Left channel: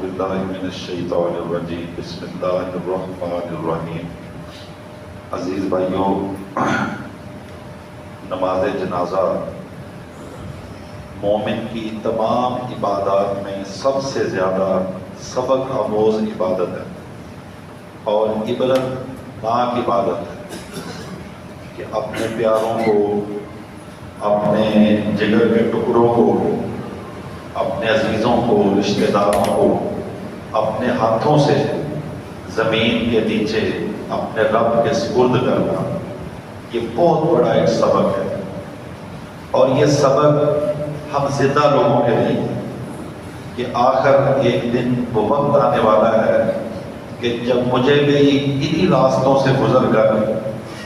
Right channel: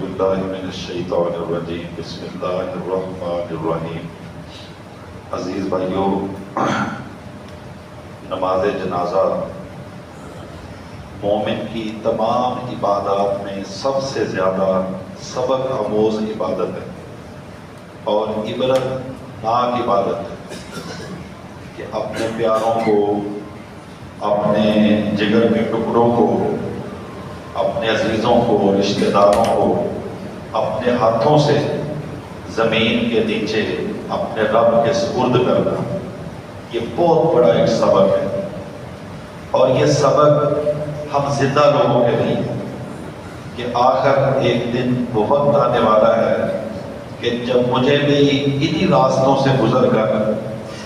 باللہ من الشیطان الرجیم بسم اللہ الرحمن الرحیم۔ عزیز بھائیوں، نماز جنازہ مومن کی تمام عبادات میں سب سے زیادہ سبق آموز عبادت ہے اور عبرت ناک عبادت ہے کہ اپنے پیاروں کو، اپنے جگر کے ٹکڑوں کو، اپنے عزیزوں کو، رشتہ داروں کو اپنے ہاتھوں سے زمین کے نیچے اپنے رب کے سپرد کرنا، یہ بہت بڑا ایک سبق ہے۔ اور یہ سبق ہم زندہ لوگوں کے لیے کہ آخر ایک دن وہ وقت آنے والا ہے کہ جب مجھے بھی انہی راستوں سے گزر کر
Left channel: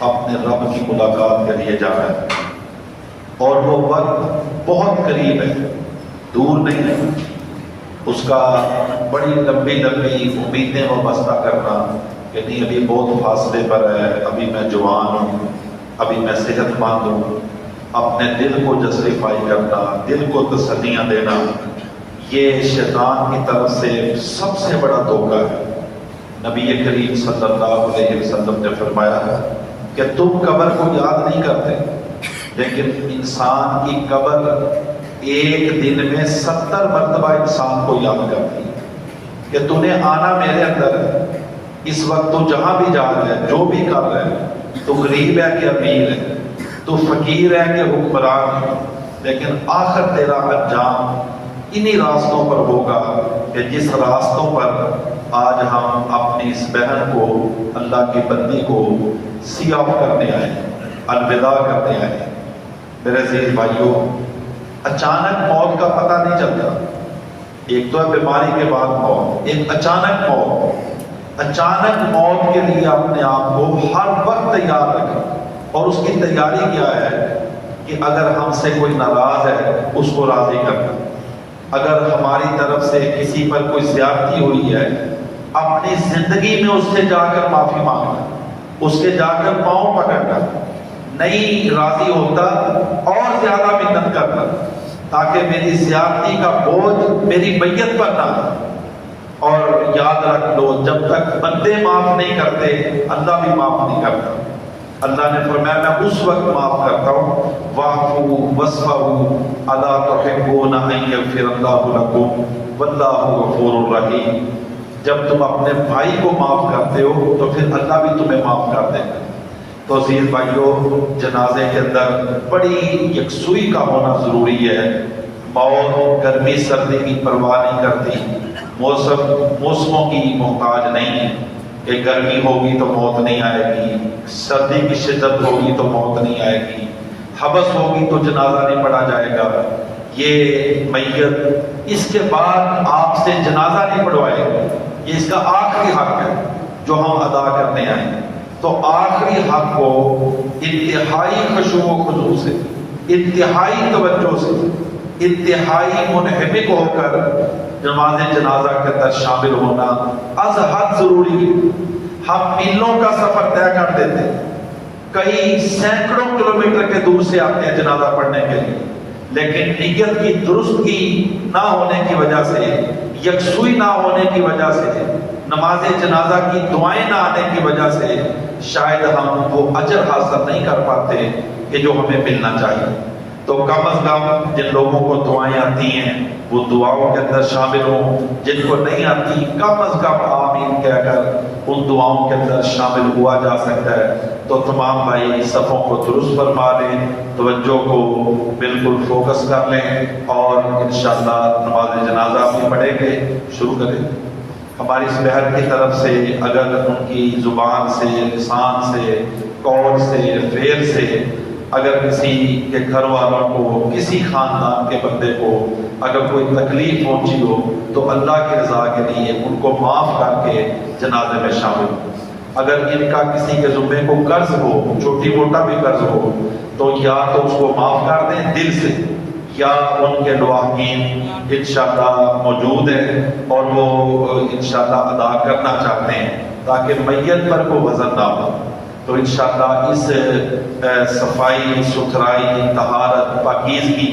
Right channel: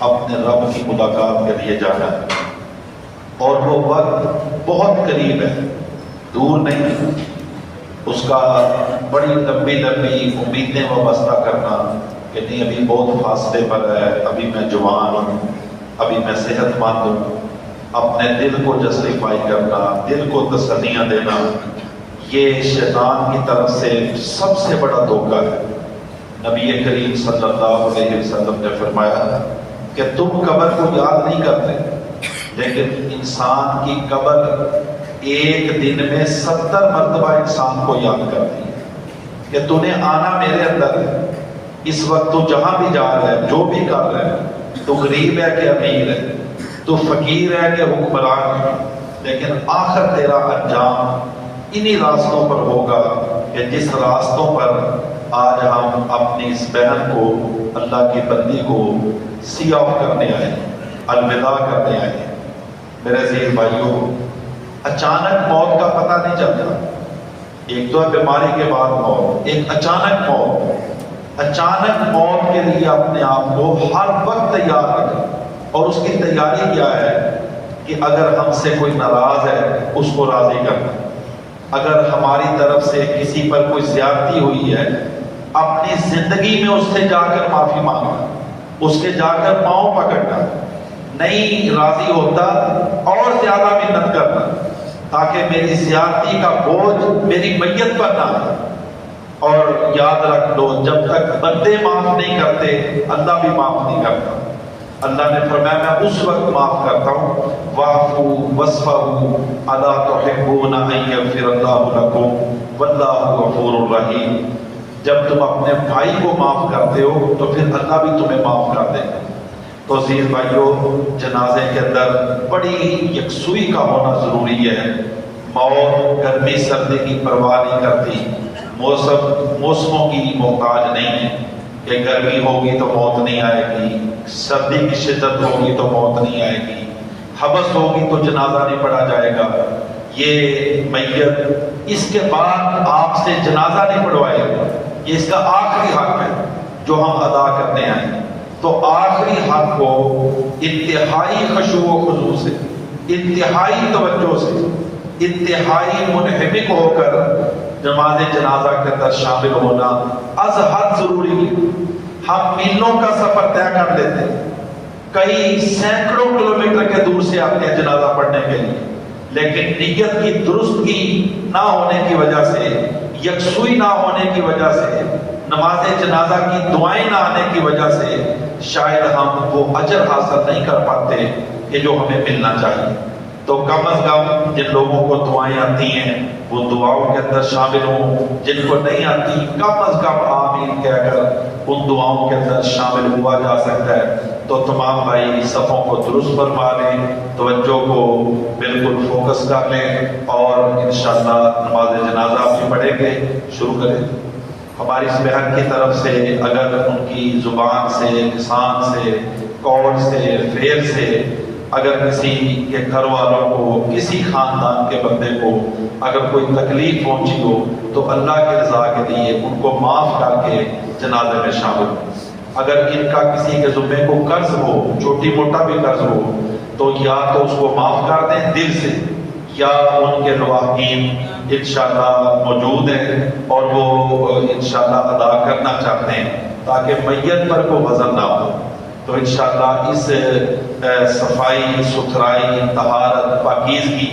اپنے رب کی ملاقات کے لیے جانا ہے، اور وہ وقت بہت قریب ہے، دور نہیں ہے۔ اس کا بڑی لمبی لمبی امیدیں وابستہ کرنا کہ نہیں ابھی بہت فاصلے پر ہے، ابھی میں جوان ہوں، ابھی میں صحت مند ہوں، اپنے دل کو جسٹیفائی کرنا، دل کو تسلیاں دینا، یہ شیطان کی طرف سے سب سے بڑا دھوکہ ہے۔ نبی کریم صلی اللہ علیہ وسلم نے فرمایا کہ تم قبر کو یاد نہیں کرتے، لیکن انسان کی قبر ایک دن میں 70 مرتبہ انسان کو یاد کرتی ہے کہ تو نے آنا میرے اندر ہے، اس وقت تو جہاں بھی جا رہا ہے، جو بھی کر رہا ہے، تو غریب ہے کہ امیر ہے، تو فقیر ہے کہ حکمران ہے، لیکن آخر تیرا انجام انہی راستوں پر ہوگا کہ جس راستوں پر آج ہم اپنی اس بہن کو، اللہ کی بندی کو سی آف کرنے آئے، الوداع کرنے آئے۔ میرے عزیز بھائیوں، اچانک موت کا پتہ نہیں چلتا۔ ایک تو ہے بیماری کے بعد موت، ایک اچانک موت۔ اچانک موت کے لیے اپنے آپ کو ہر وقت تیار رکھیں، اور اس کی تیاری کیا ہے کہ اگر ہم سے کوئی ناراض ہے اس کو راضی کرنا، اگر ہماری طرف سے کسی پر کوئی زیادتی ہوئی ہے اپنی زندگی میں اس سے جا کر معافی مانگنا، اس کے جا کر پاؤں پکڑنا، نہیں راضی ہوتا اور زیادہ منت کرنا تاکہ میری زیادتی کا بوجھ میری میت پر نہ ہو۔ اور یاد رکھ لو، جب تک بندے معاف نہیں کرتے اللہ بھی معاف نہیں کرتا۔ اللہ نے فرمایا میں اس وقت معاف کرتا ہوں، واعفوا واصفحوا الا تحبون ان یغفر اللہ لکم واللہ غفور رحیم۔ جب تم اپنے بھائی کو معاف کرتے ہو تو پھر اللہ بھی تمہیں معاف کر دے گا۔ تو عزیز بھائیوں، جنازے کے اندر بڑی یکسوئی کا ہونا ضروری ہے۔ موت گرمی سردی کی پرواہ نہیں کرتی، موسموں کی محتاج نہیں ہے کہ گرمی ہوگی تو موت نہیں آئے گی، سردی کی شدت ہوگی تو موت نہیں آئے گی، حبس ہوگی تو جنازہ نہیں پڑھا جائے گا۔ یہ میت اس کے بعد آپ سے جنازہ نہیں پڑھوائے گا، یہ اس کا آخری حق ہے جو ہم ادا کرنے آئے ہیں۔ تو آخری حق کو انتہائی خشوع و خضوع سے، انتہائی توجہ سے، انتہائی منہمک ہو کر نماز جنازہ کے اندر شامل ہونا از حد ضروری ہے۔ ہم میلوں کا سفر طے کر لیتے ہیں، کئی سینکڑوں کلومیٹر کے دور سے آتے ہیں جنازہ پڑھنے کے لیے، لیکن نیت کی درستگی نہ ہونے کی وجہ سے، یکسوئی نہ ہونے کی وجہ سے، نماز جنازہ کی دعائیں نہ آنے کی وجہ سے شاید ہم وہ اجر حاصل نہیں کر پاتے کہ جو ہمیں ملنا چاہیے۔ تو کم از کم جن لوگوں کو دعائیں آتی ہیں وہ دعاؤں کے اندر شامل ہوں، جن کو نہیں آتی کم از کم آمین کہہ کر ان دعاؤں کے اندر شامل ہوا جا سکتا ہے۔ تو تمام بھائی صفوں کو درست فرما لیں، توجہ کو بالکل فوکس کر لیں، اور انشاءاللہ نماز جنازہ بھی پڑھیں گے۔ شروع کریں۔ ہماری اس بہن کی طرف سے اگر ان کی زبان سے، لسان سے، قول سے، فعل سے اگر کسی کے گھر والوں کو، کسی خاندان کے بندے کو اگر کوئی تکلیف پہنچی ہو تو اللہ کی رضا کے لیے ان کو معاف کر کے جنازے میں شامل ہو۔ اگر ان کا کسی کے ذمے کو قرض ہو، چھوٹی موٹا بھی قرض ہو، تو یا تو اس کو معاف کر دیں دل سے، یا ان کے لواحقین انشاءاللہ موجود ہیں اور وہ انشاءاللہ ادا کرنا چاہتے ہیں تاکہ میت پر کوئی وزن نہ ہو۔ تو انشاءاللہ اس صفائی، ستھرائی، طہارت، پاکیزگی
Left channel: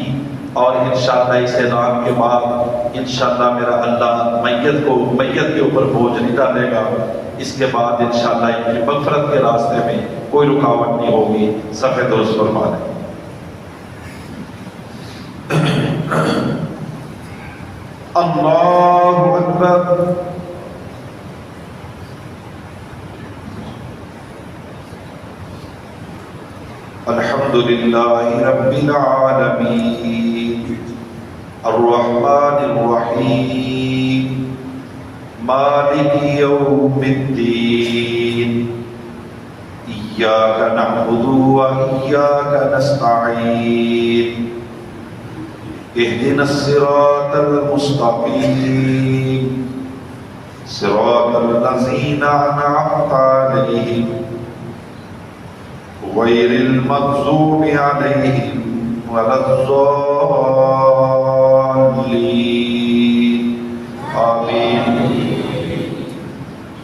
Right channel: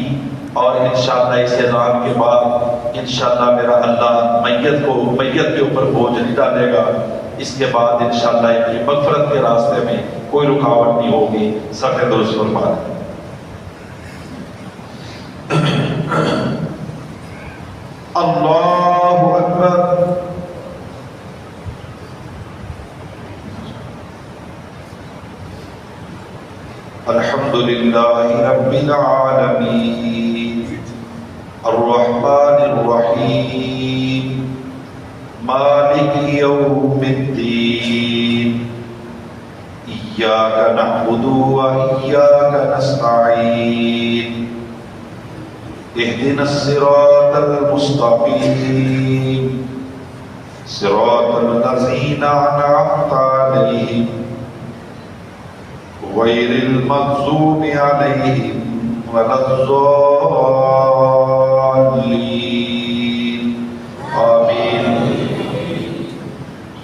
اور انشاءاللہ اس اعلان کے بعد انشاءاللہ میرا اللہ میت کے اوپر بوجھ نہیں ڈالے گا۔ اس کے بعد انشاءاللہ ان کی مغفرت کے راستے میں کوئی رکاوٹ نہیں ہوگی۔ صف درست فرما لیں۔ اللہ اکبر۔ الحمد للہ رب العالمین الرحمن الرحیم مالک یوم الدین ایاک نعبد و ایاک نستعین اهدنا الصراط المستقیم صراط الذین انعمت علیہم غیر المغضوب علیہم ولا الضالین آمین۔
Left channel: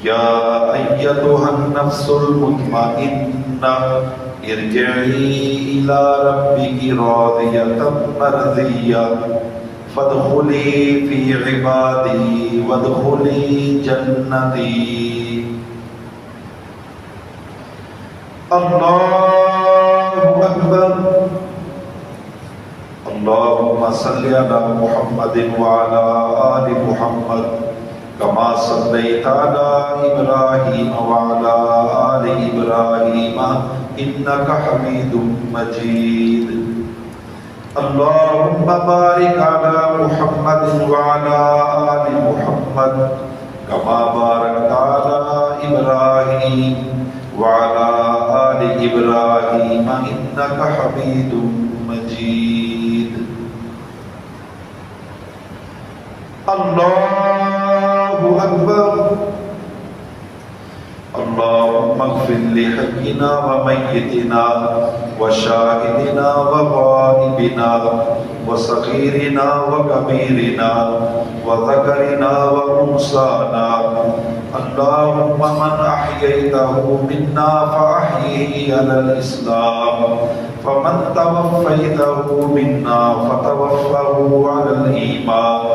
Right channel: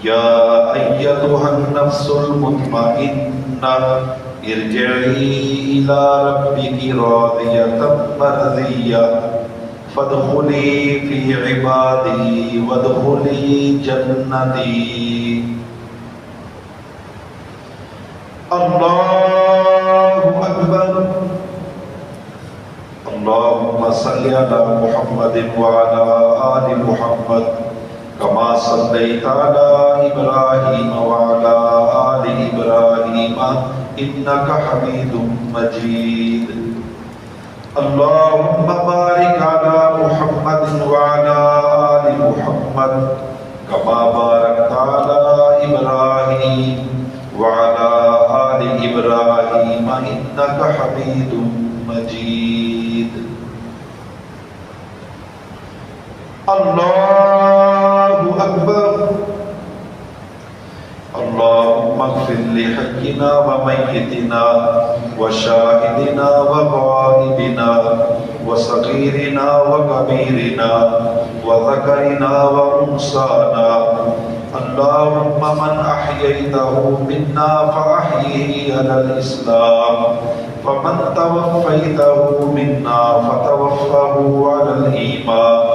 یا ایتها النفس المطمئنہ ارجعی الی ربک راضیۃ مرضیہ فادخلی فی عبادی وادخلی جنتی۔ اللہ اکبر۔ اللہم صلی علی محمد وعلی آل محمد کما صلیت علی ابراہیم وعلی آل ابراہیم انک حمید مجید۔ اللہم بارک علی محمد وعلی آل محمد کما بارکت علی ابراہیم وعلى آل إبراهيم إنك حميد مجيد۔ الله أكبر۔ اللهم اغفر لحينا وميتنا وشاهدنا وغائبنا وصغيرنا وكبيرنا وذكرنا وأنثانا، اللهم من أحييته منا فأحيه على الإسلام فمن توفيته منا فتوفه على الإيمان،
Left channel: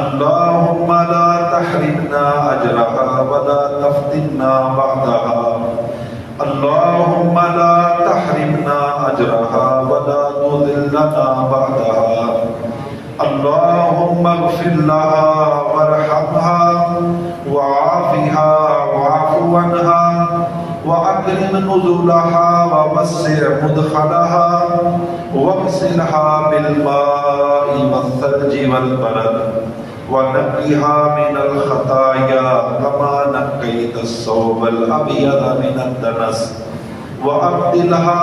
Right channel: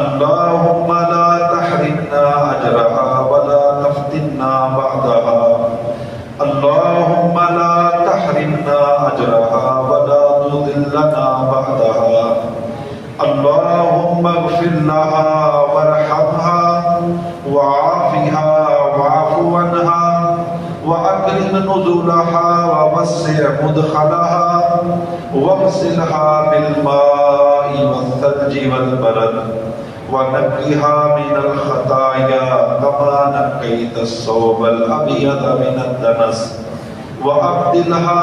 اللهم لا تحرمنا أجرها ولا تفتنا بعدها، اللهم لا تحرمنا أجرها ولا تذلنا بعدها، اللهم اغفر لها وارحمها وعافها واعف عنها وأكرم نزلها ووسع مدخلها واغسلها بالماء والثلج والبرد ونقها من الخطايا كما نقيت الثوب الأبيض من الدنس، وأبدلها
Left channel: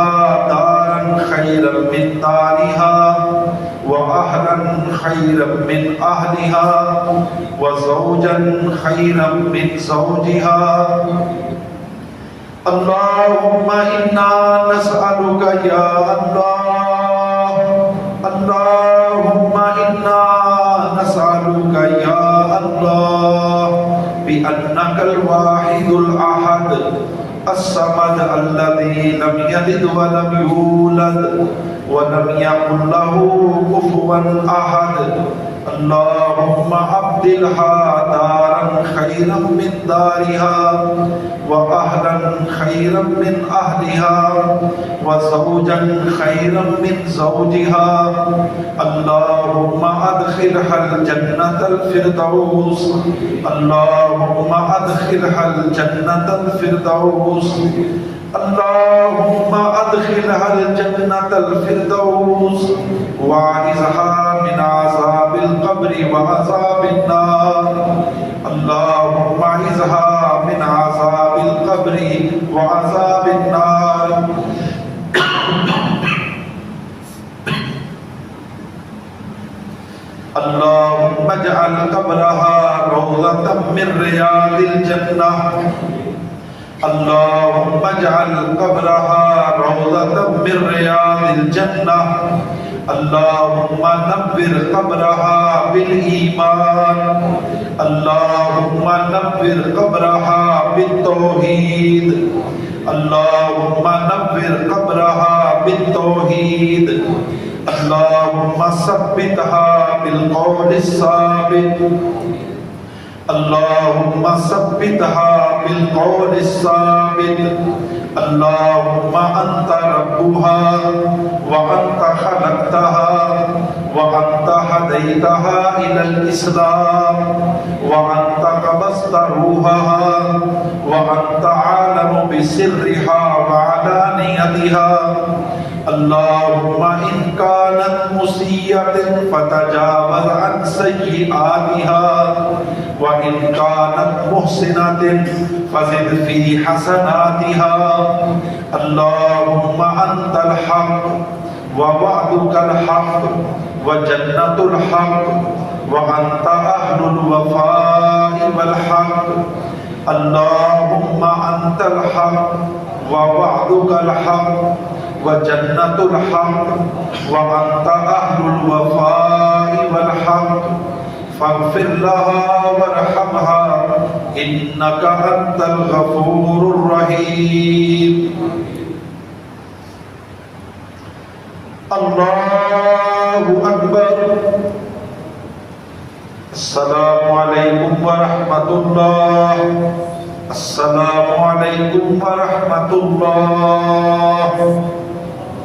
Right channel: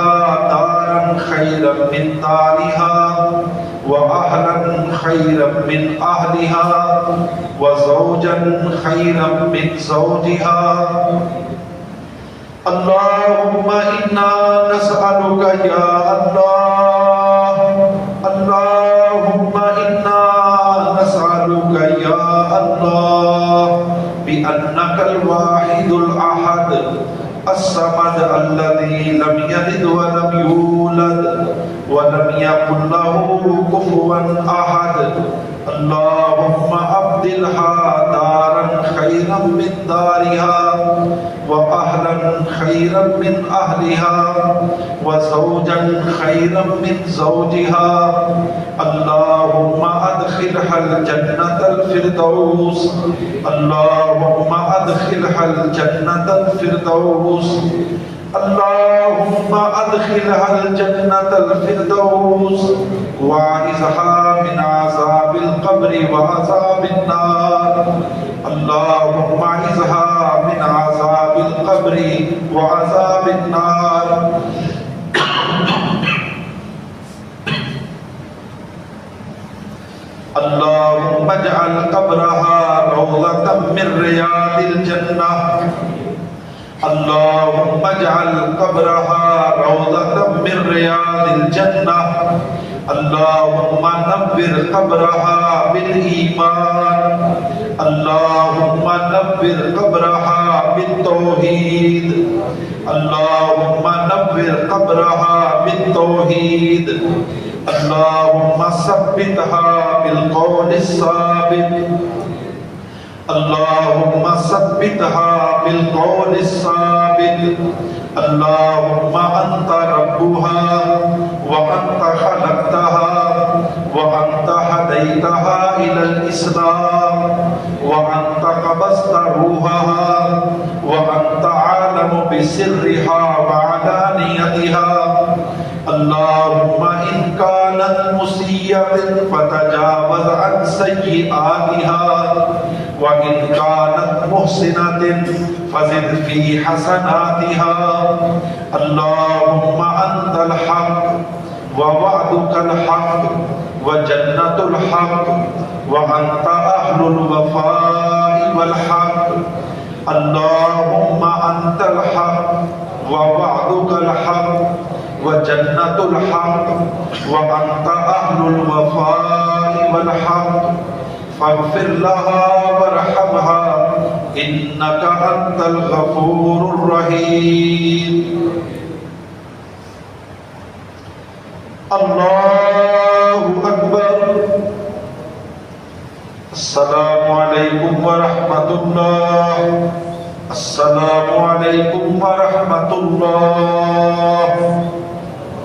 دارا خيرا من دارها وأهلا خيرا من أهلها وزوجا خيرا من زوجها۔ اللهم إنا نسألك يا الله، اللهم إنا نسألك يا الله بأنك الواحد الأحد الصمد الذي لم يلد ولم يولد ولم يكن له كفوا أحد، اللهم أبدلها دارا خيرا من دارها وأهلا خيرا من أهلها وزوجا خيرا من زوجها، اللهم أدخلها الجنة الفردوس، اللهم أدخلها الجنة الفردوس، اللهم أدخلها الجنة الفردوس وأعذها من عذاب القبر وعذاب النار، اللهم أعذها من عذاب القبر وعذاب النار۔ اللهم اجعل قبرها روضة من رياض الجنة، اللهم اجعل قبرها روضة من رياض الجنة، اللهم نور قبرها بالإيمان، اللهم نور قبرها بالتوحيد، اللهم نور قبرها بالتوحيد، اللهم ثبتها بالقول الثابت، اللهم ثبتها بالقول الثابت اللهم أنت ربها وأنت خلقتها وأنت هديتها إلى الإسلام وأنت قبضت روحها وأنت عالم بسرها وعلانيتها اللهم إن كانت مسيئة فتجاوز عن سيئاتها وإن كانت محسنة فزد في حسناتها اللهم أنت الحق ووعدك الحق وجنة الحق وأنت أهل الوفاء والحق اللهم أنت الحق ووعدك الحق وجنة الحق وأنت أهل الوفاء والحق فاغفر لها وارحمها إنك أنت الغفور الرحيم الله أكبر السلام عليكم ورحمة الله السلام عليكم ورحمة الله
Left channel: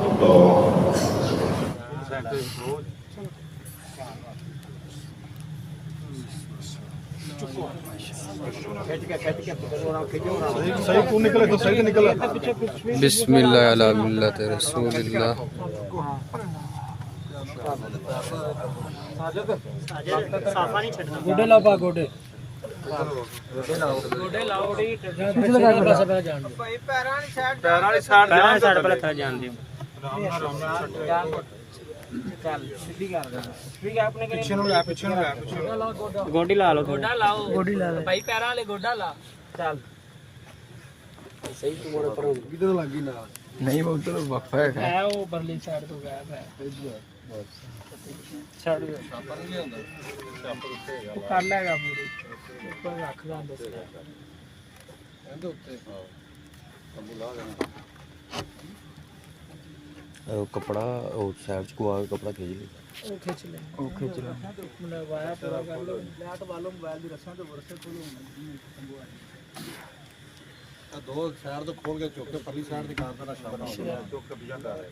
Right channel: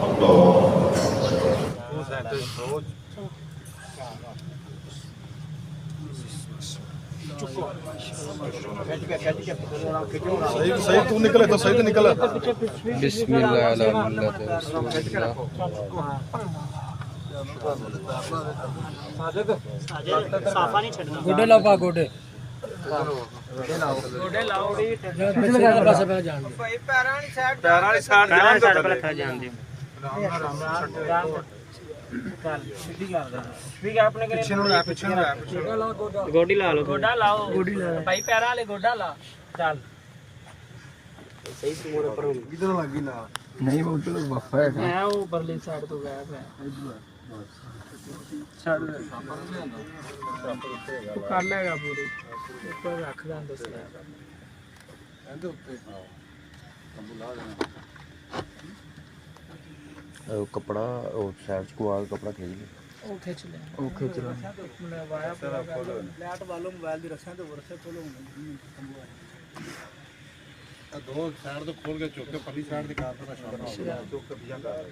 الله بسم اللہ علی ملت رسول اللہ گوڑے لاؤ گوڑے گوڈی لا لو گوڈا لاؤ بھائی پیرا والے گوڈا لا چل صحیح تو موڑے پر کدھر لگی لا نہیں وہ تو وقفہ ہے میں وہ پرلی سائیڈ تو گیا ہے چھڑ تو کر لے گا پوری اوپر رکھ دیں دس ایندے اوتے ہاں بلا دینا کپڑا سائڈ کو آ کپڑا کھینچ لے کھینچ لیں میں وایا پورا کر لو لیٹ والوں موبائل دی رکھیں تو ورسے کھولو دو سائڈ تو کھول کے چوک کے پرلی سائڈ دی کار دا شام چوک کے بیا کر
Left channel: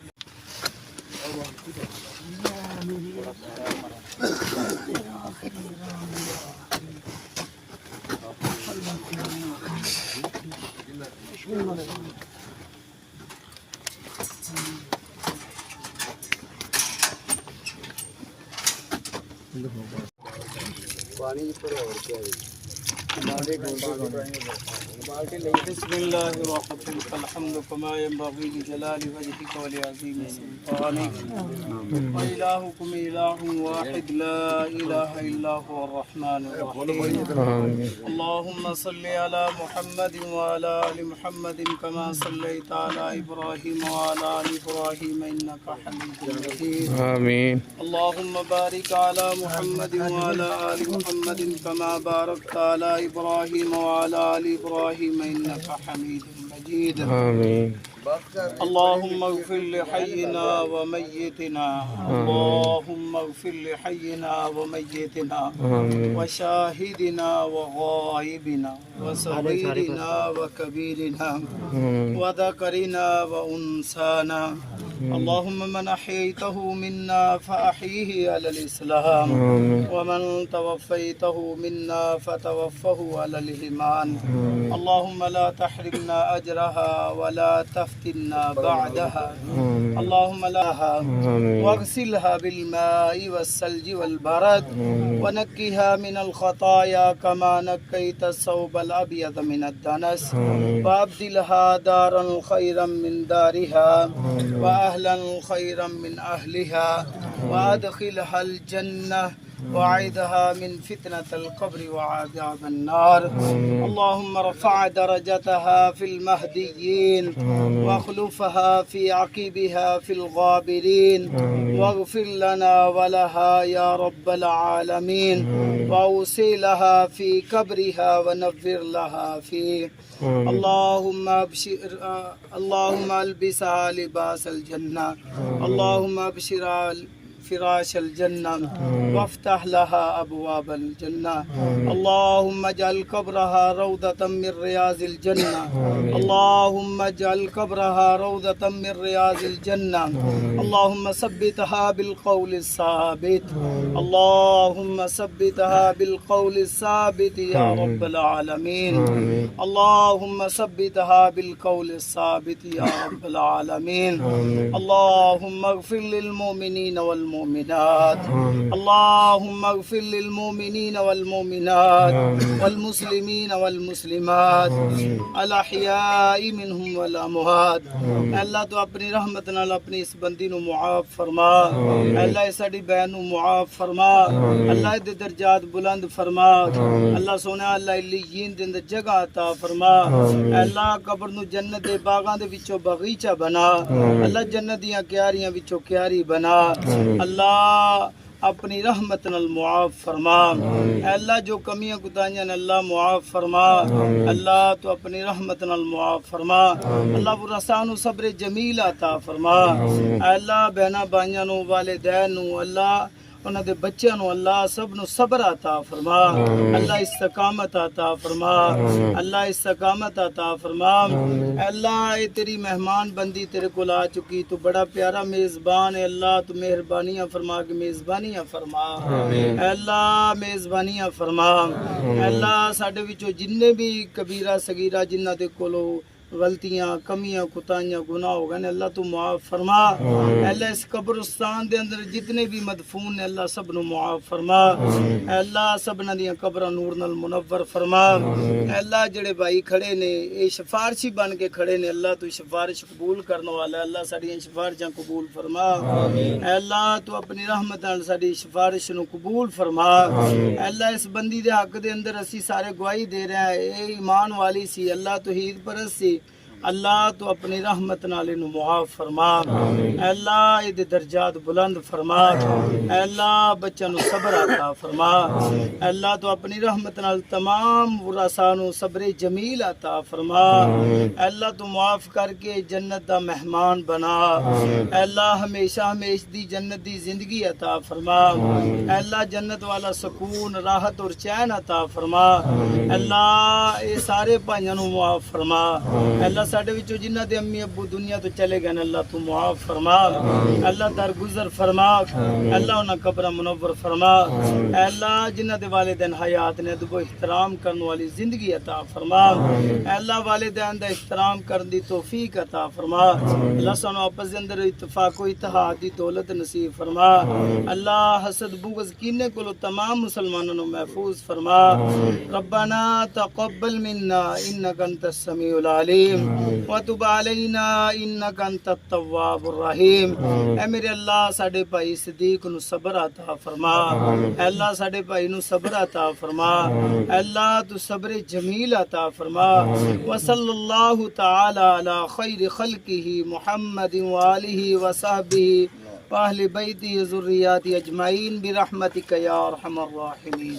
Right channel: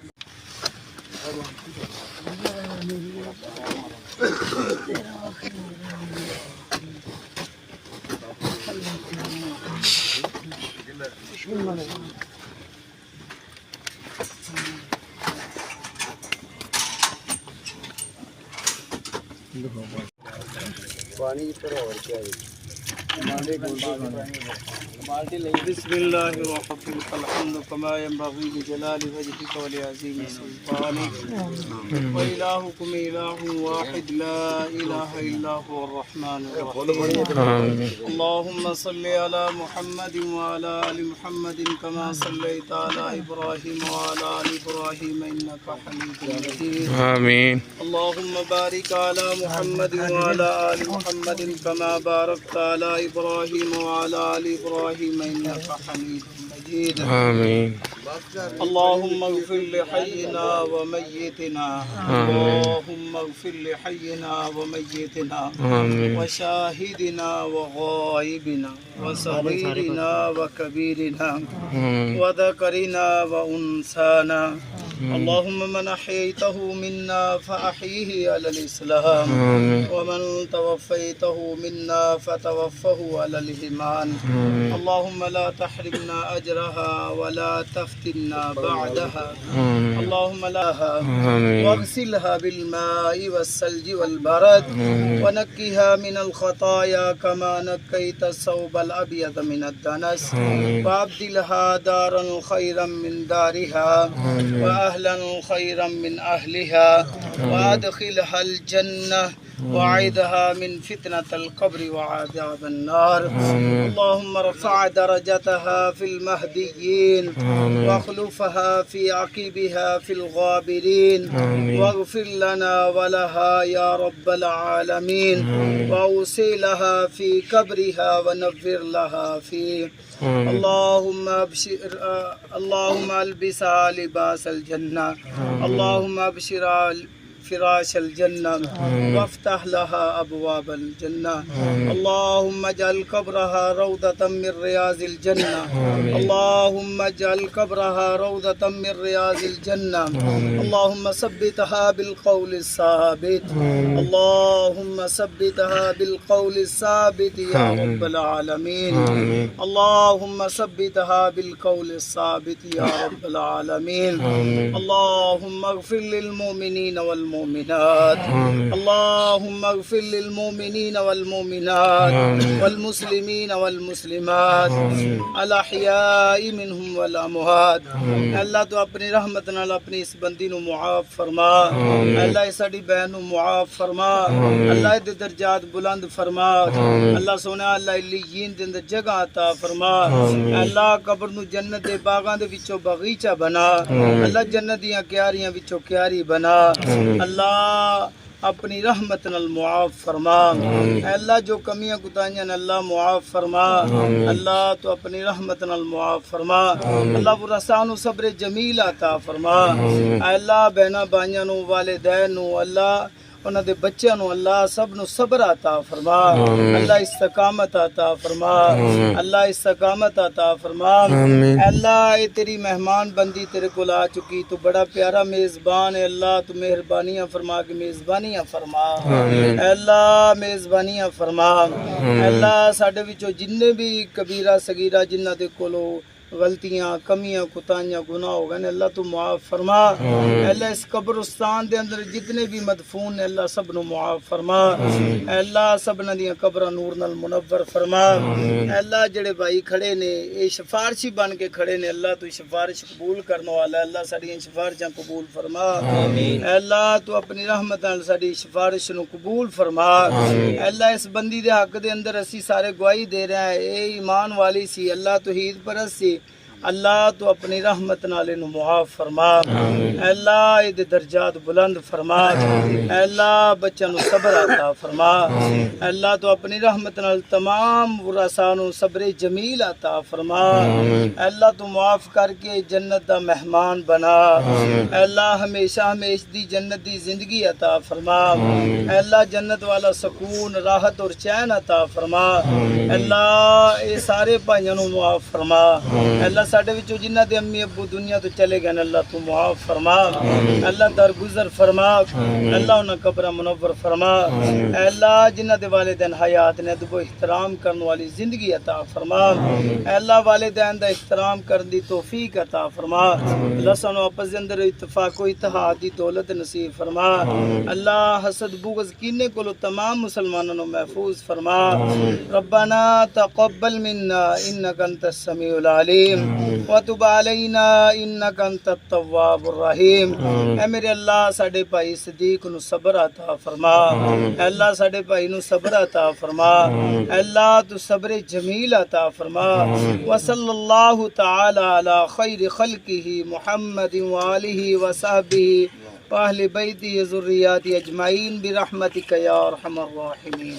پانی پر اور کیا ہے بسم الله الرحمن الرحيم الحمد كما ينبغي لجلال وجهك ولعظيم سلطانك وإلهكم إله واحد لا إله إلا هو الرحمن الرحيم اللهم صل على محمد وعلى آل محمد كما صليت على إبراهيم وعلى آل إبراهيم إنك حميد مجيد آمين اللهم بارك على محمد وعلى آل محمد كما باركت على إبراهيم وعلى آل إبراهيم إنك حميد مجيد آمين اللهم اغفر لحينا وميتنا اللهم اغفر لحينا وميتنا وشاهدنا وغائبنا وصغيرنا وكبيرنا وذكرنا وأنثانا اللهم من أحييته منا فأحيه على الإسلام ومن توفيته منا فتوفه على الإيمان اللهم لا تحرمنا أجرها ولا تفتنا بعدها اللهم لها واغسلها بالماء والثلج والبرد ونقها من الخطايا كما نقيت الثوب الأبيض من الدنس وأبدلها دارا خيرا من دارها وأهلا خيرا من أهلها وأدخلها الجنة وعيدها من فتنة القبر وعذاب النار اللهم ارفع درجتها في المهديين واخلفها في عقبها في الغابرين واغفر لنا ولها يا رب العالمين وأوسع لها في قبرها ونفر لها فيه اللهم اللهم البسها لباس الجنة اللهم ابشرها فراش الجنة وافتح لها أبواب الجنة اللهم اجعل قبرها روضة من رياض الجنة اللهم اجعل قبرها روضة من رياض الجنة اللهم ثبتها بالقول الثابت اللهم ثبتها بالقول الثابت يا رب العالمين اللهم ثبتها بالقول الثابت يا رب العالمين اللهم اغفر للمؤمنين والمؤمنات اللهم اغفر للمؤمنين والمؤمنات والمسلمين والمسلمات الاحیاء منهم والاموات اللہ تو اپنی رحمت نال اپنی اس بندی نو معاف فرما اللہ اس ساڈی بہن نو معاف فرما اللہ دے درجات بلند فرما اللہ سونا اللہ علیین دے اندر جگہ عطا فرما اللہ قبر نو جنت دے باغاں دے وچوں باغیچہ بنا اللہ جنت دیاں کیاریاں وچوں کیاری بنا اللہ اپنی رحمت نال معاف فرما اے اللہ جو کمیاں کوتاہیاں اللہ معاف فرما اللہ تو اپنی رحمت نال معاف فرما اللہ ورثاں نو صبر جمیل عطا فرما اے اللہ بہناں بھائیاں نو والدین نو اللہ انہاں دے بچیاں نو اللہ سب نو صبر عطا فرما اللہ استقامت عطا فرما اللہ استقامت عطا فرما اللہ اے تیری مہمان بندی تیرے کول آ چکی تو بڑا پیارا میزبان ہے اللہ تو مہربانیاں فرما کے میزبانیاں فرما اے اللہ میزبانیاں فرما اے اللہ ساڈے وچوں جننے بھی کبیرہ صغیرہ جنہاں دے کولوں غلطیاں کمیاں کوتاہیاں گناہ ہو گئے اللہ تو معاف فرما اللہ اس قبرستان دے اندر جتنے بھی مدفون نے اللہ سب نو معاف فرما اللہ سبنا دیاں قبراں نور نال منور فرما اللہ جڑے بھائی کھڑے نے اے سفارشی بن کے کھڑے نے اللہ تو سفارش قبول کرنے والا اللہ ساڈیاں سفارشاں قبول فرما اللہ تو اپنی رحمت نال ساڈی سفارش نو قبول فرما اللہ اس بندی دے حق دے اندر اسی سارے گواہی دے رہے ہیں اے ایمان والی سی اللہ توحید پرست سی اللہ تو اپنی رحمت نال انو معاف فرما اللہ اے دے درجات بلند فرما اللہ بچوں نو صبر عطا فرما اللہ تو اپنی رحمت نال تمام ورثاء نو صبر جمیل عطا فرما اللہ تو معاف کر کے جنت دا مہمان بنا اللہ ہمیشہ ہمیشہ دی جنت دی زندگی عطا فرما اللہ جنت والا سکون راحت اور چین عطا فرما اللہ اے سارے بھائیاں نو معاف فرما اللہ ساڈے وچوں جنہاں دے امی ابو دنیا تو چلے گئے اللہ تو معاف فرما اللہ درگزر فرما اللہ انہاں قبراں منور فرما اے اللہ جنہاں دے والدین حیات نے ادب و احترام کرنے والی زندگی عطا فرما اے اللہ والدین دا احترام کرن دی توفیق عطا فرما اللہ سانو آپس دے اندر اتفاق و اتحاد دی دولت نصیب فرما اللہ حسد بغض کینے کولو تمام مسلماناں نو محفوظ فرما ربنا تقبل منا انک انت السمیع العلیم وتب علینا انک انت التواب الرحیم اے میرے اللہ ساڈے بھائی صدیق نو صبر عطا فرما اے اللہ ساڈے بھائی نو صبر عطا فرما اے اللہ تو صبر جمیل عطا فرما وصلی اللہ تعالی علی خیر خلقہ محمد وآلہ وصحبہ واہل بیتہ ذریاتہ اجمعین برحمتک یا ارحم الراحمین